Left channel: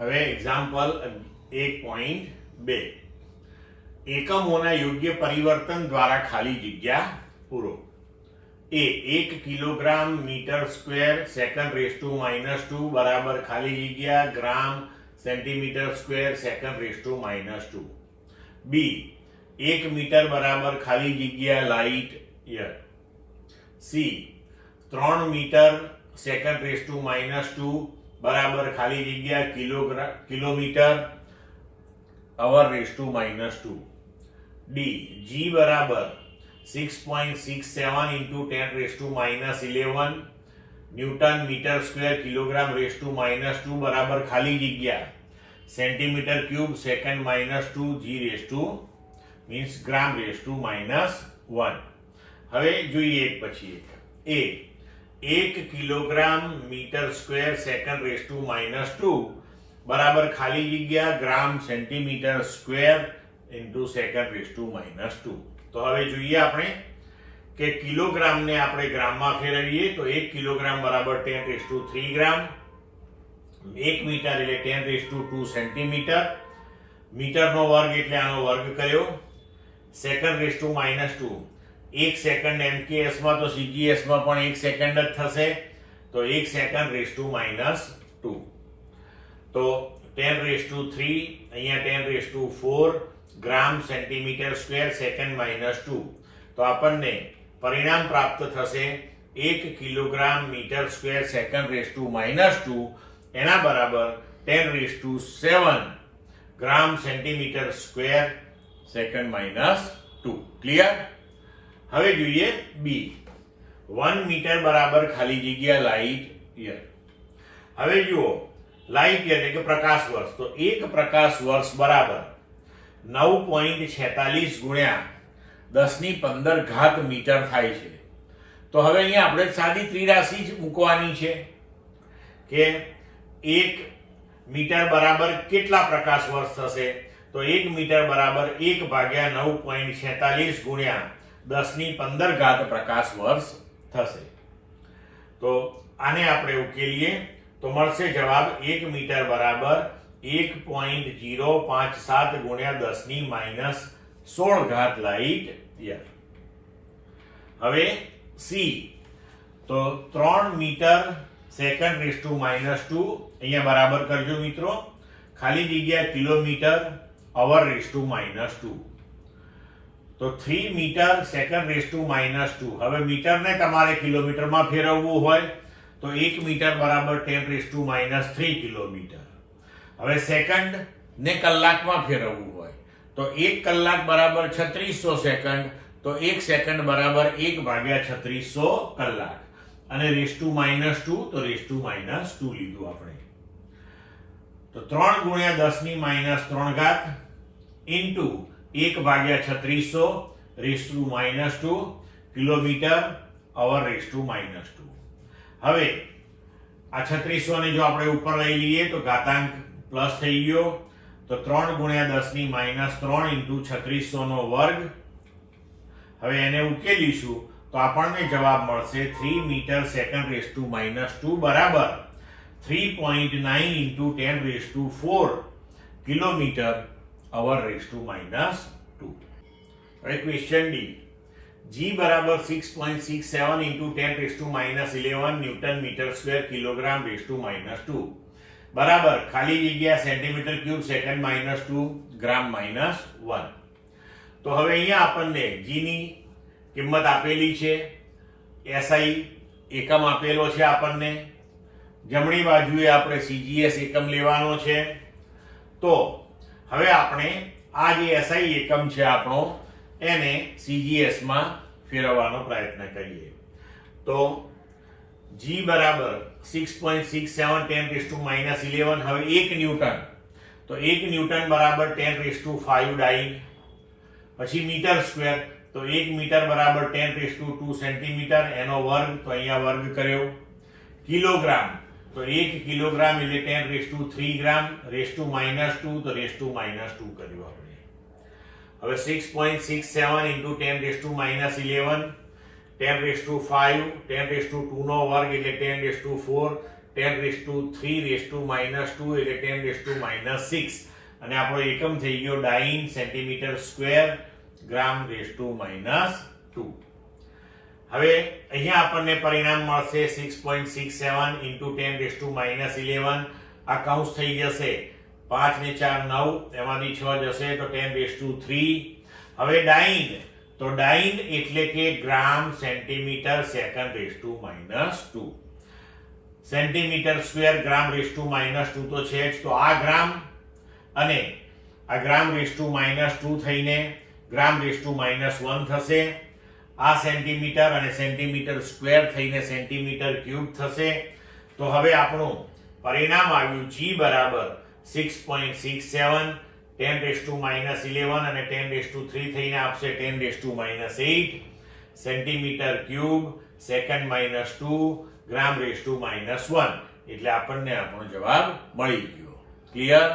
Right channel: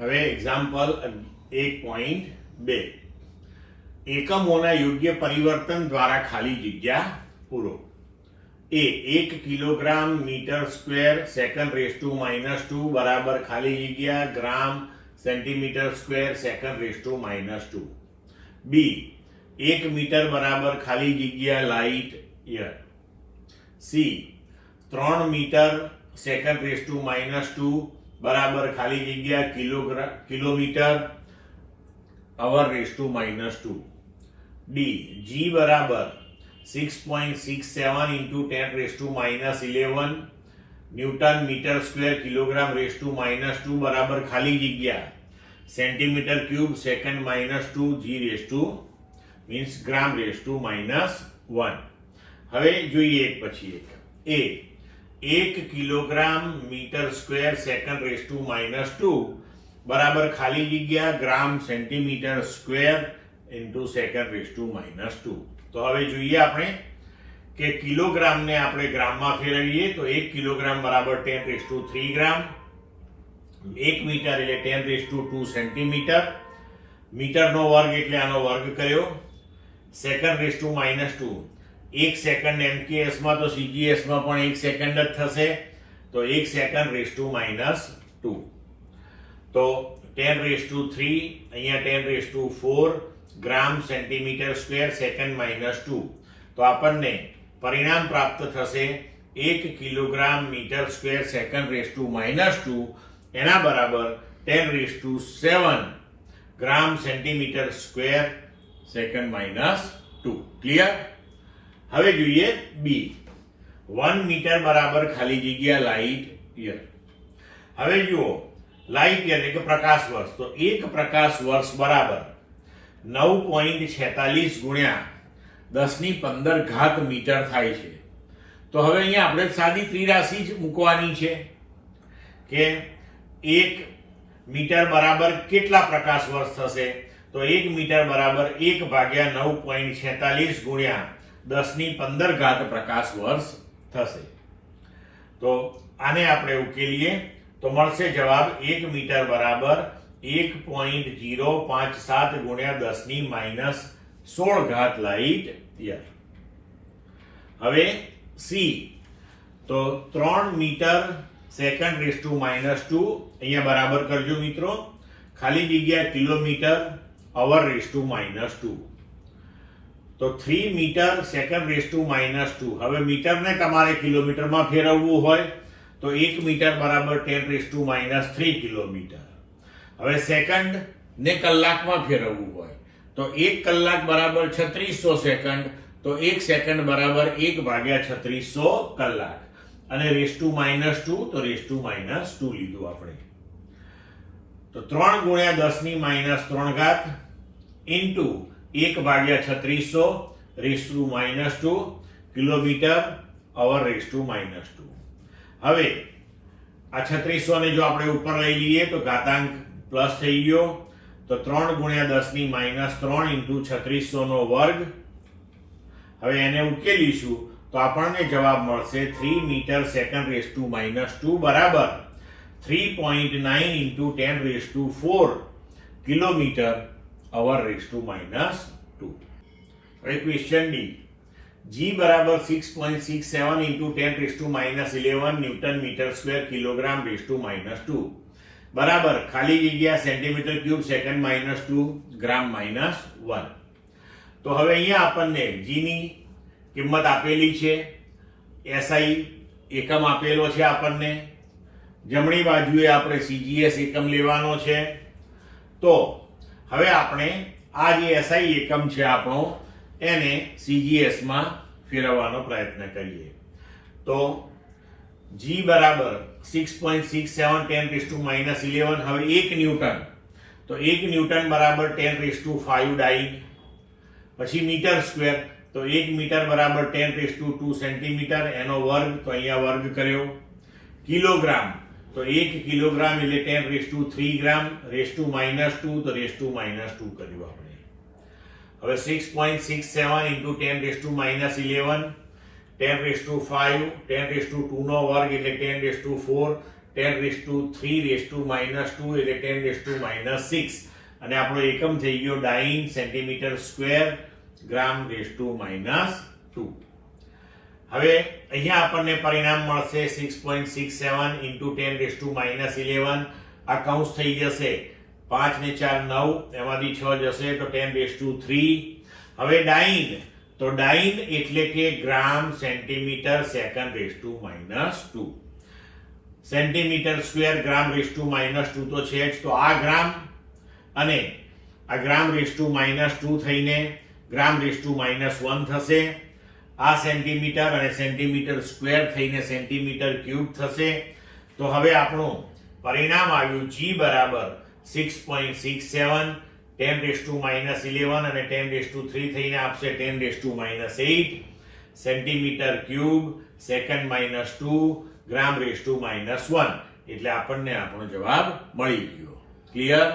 હવે એક્ઝામ્પલ 1.2 એકમોના યોગ્ય પરિવર્તન દ્વારા ખાલી જગ્યા પૂરો. A 1 kilogram metre square second raise to -2 બરાબર ખાલી જગ્યા gram centimetre square second raise to -2. B 1 metre બરાબર ખાલી જગ્યા light year. C 3 metre second raise to -2 બરાબર ખાલી જગ્યા kilometre hour raise to -2. D G બરાબર 6.67 into 10 raised to -11 newton metre square kilogram raise to -2 બરાબર ખાલી જગ્યા centimetre cube second -2 G rays to means gram raise to -1. હવે જોઈએ એક પછી એક. A 1 kilogram metre square second raise to -2 બરાબર ખાલી જગ્યા gram centimetre square into second raise to -2. તો હવે જોઈએ આપણે કે કિલોગ્રામને આપણે ગ્રામમાં ફેરવીએ તો 1 કિલોગ્રામ બરાબર 10 રેઝ ટુ 3 ગ્રામ. 1 મીટર એટલે 10 રેઝ ટુ 2 સેન્ટીમીટર. મીટરનો વર્ગ એટલે આનો વર્ગ કર્યો. Second raise to -2 1 second MKS માં તો સીજીએસ માં પણ 1 સેકન્ડ જ થશે તો 1 સેકન્ડ રેઝ ટુ -2. તો 10 રેઝ ટુ 3 અહીંયા 10 raise to 4 gram centimetre square second -2. તો આપણને પરિણામ પ્રાપ્ત થશે 1 kilogram metre square second raise to -2 એના બરાબર 10 raise to 7 gram centimetre square second -2. Clear? હવે જોઈએ બી 1 મીટર બરાબર ખાલી જગ્યા લાઇટ યર. હવે જુઓ લાઇટ યર એટલે કે પ્રકાશ વર્ષ. તો 1 પ્રકાશ વર્ષ બરાબર 9.46 ગુણ્યા 10⁻15 મીટર થાય છે. તો હવે અહીંયા આપણે સાદી ત્રિરાશિ જ મૂકવાની છે કે 1 મીટર બરાબર કેટલા પ્રકાશ વર્ષ થશે. તો 1 મીટર બરાબર 1 ભાગ્યા 9.46 ગુણ્યા 10⁻15 પ્રકાશ વર્ષ થશે. તો આને આપણે ઉકેલીએ તો મળશે જવાબ 1 મીટર બરાબર 1.057 ગુણ્યા 10⁻16 લાઇટ યર. હવે સી તો 3 મીટર સેકન્ડ રેઝ ટુ -2 અહીંયા બરાબર કરજો મિત્રો. ખાલી જગ્યા કિલોમીટર અવર રેઝ ટુ -2. તો 3 મીટર સેકન્ડ રેઝ ટુ -2. હવે મીટરને તમારે કિલોમીટરમાં ફેરવવું હોય તો 1 મીટર બરાબર 10 રેઝ ટુ -3 કિલોમીટર. હવે સેકન્ડ ને કલાકમાં ફેરવવું હોય તો 1 કલાક બરાબર 3600 સેકન્ડ. તો 1 સેકન્ડ બરાબર 1 ભાગ્યા 3600 કલાક. અને રેઝ ટુ -2 તો રેઝ ટુ -2 લીધું આપણે. તો 3 ગુણ્યા 10⁻³ ઇન્ટુ 1 ભાગ્યા 3600 rays to -2 kilometre hour raise to -2. હવે આ 3600 ને જો આપણે ઉપર લઈ લઈએ તો ઘાતાંક પ્લસ થઈ ગયો. તો 3 ગુણ્યા 10⁻³ ઇન્ટુ 3600 નો વર્ગ. હવે એને ઉકેલીશું તો આપણને જવાબ મળશે 3 મીટર સેકન્ડ રેઝ ટુ -2 બરાબર 3.9 into 10 raise to 4 kilometre hour raise to -2. હવે ક્વેશ્ચન ડી જી બરાબર 6.67 into 10 raise to -11 newton metre square kilogram raise to -2 બરાબર ખાલી જગ્યા સેન્ટીમીટર ક્યુબ સેકન્ડ -2 ગ્રામ -1. તો હવે અહીંયા આપણને જી ની કિંમત આપેલી છે. એસઆઈ એકમ આપેલો છે આપણને. જમણી બાજુએ આપણે સીજીએસ એકમ લેવાનો છે. તો હવે આપણે આ જે એસઆઈ એકમ છે આપણો એને સીજીએસ માં ફેરવવાનો પ્રયત્ન કરીએ. તો જી બરાબર 6.67 10 રેઝ ટુ -11. હવે 1 ન્યૂટન તો 1 ન્યૂટન બરાબર 10 રેઝ ટુ 5 ડાઇન. પછી મીટર સ્ક્વેર તો 1 મીટર બરાબર 10 રેઝ ટુ 2 સેન્ટીમીટર એનો વર્ગ તો અહીંયા વર્ગ કર્યો. કિલોગ્રામ તો 1 કિલોગ્રામ એટલે 10 raise to 3 gram raise to -2 તો રેઝ ટુ -2 કર્યું આપણે. હવે 6.67 into 10 raise to -11 10 raise to 5 10 raise to 2 નો વર્ગ એટલે 10 રેઝ ટુ 4 10⁻³ એટલે 10⁻6 અને આપણો એકમ થઈ ગયો ડાઇન સેન્ટીમીટર સ્ક્વેર g⁻². હવે અહીંયા આપણને પરિણામ મળશે 6.67 into 10⁻11. આ કૌંસ થઈ જશે 5 ને 4 9, એમાંથી 6 જશે તો 10⁻3. હવે ડાઇન, તો ડાઇન એટલે કે gram centimetre second. Centimetre square g⁻² તો છે જ, તો આ ગ્રામ અને આ g⁻² થઈને g⁻1 થશે. આ સેન્ટીમીટર અને સેન્ટીમીટર સ્ક્વેર થઈને સેન્ટીમીટર ક્યુબ થશે. તો હવે આપણું પરિણામ આવ્યું g બરાબર 6.67, 10⁻11 અને 10⁻3 થઈને આપશે 10⁻8 સેન્ટીમીટર ક્યુબ સેકન્ડ-2 g⁻1. એટલે આપણને આપણો જવાબ મળી ગયો. ક્લિયર?